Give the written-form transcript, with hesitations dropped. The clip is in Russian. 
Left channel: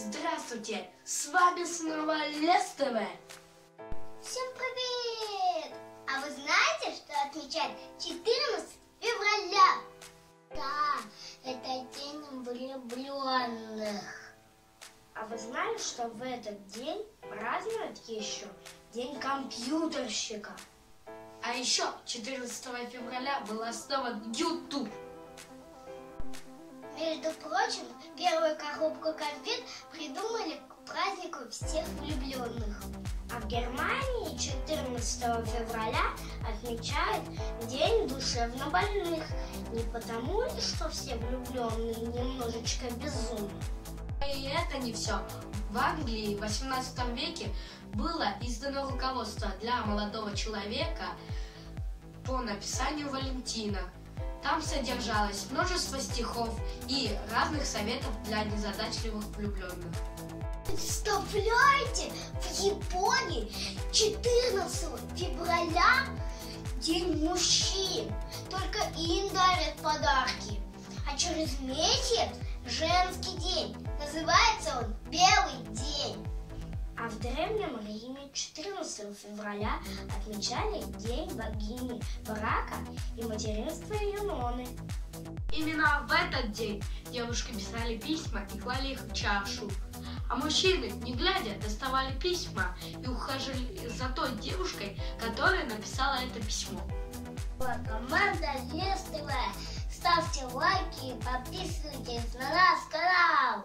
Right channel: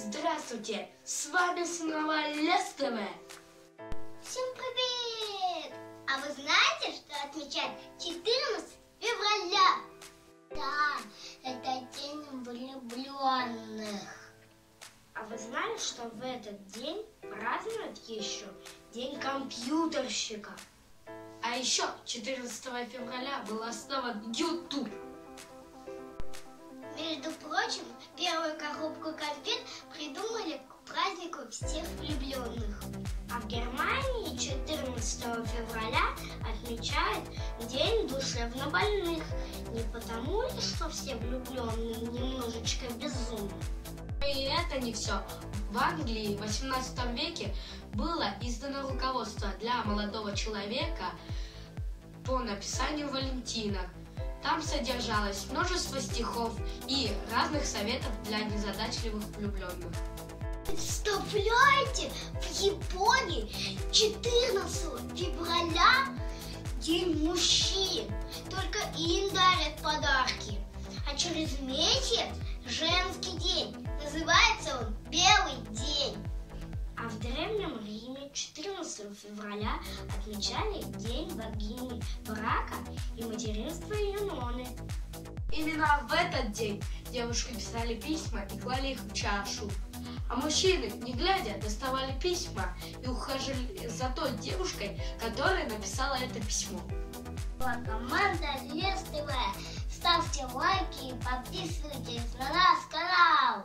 Здравствуйте, с вами снова Лес ТВ. Всем привет! А вы знаете, что отмечают 14 февраля? Да, это день влюбленных. А вы знали, что в этот день празднуют еще День компьютерщика? А еще 14 февраля был основан YouTube. Между прочим, первую коробку конфет придумали к празднику всех влюбленных. А в Германии 14 февраля отмечают День душевнобольных. Не потому ли, что все влюбленные немножечко безумны? И это не все. В Англии в 18 веке было издано руководство для молодого человека по написанию валентинок. Там содержалось множество стихов и разных советов для незадачливых влюбленных. Представляете, в Японии 14 февраля День мужчин. Только им дарят подарки. А через месяц женский день. Называется он Белый день. А в Древнем Риме 14 февраля отмечали День богини брака и материнства Юноны. Именно в этот день девушки писали письма и клали их в чашу. А мужчины, не глядя, доставали письма и ухаживали за той девушкой, которая написала это письмо. Команда Лес ТВ. Ставьте лайки и подписывайтесь на наш канал.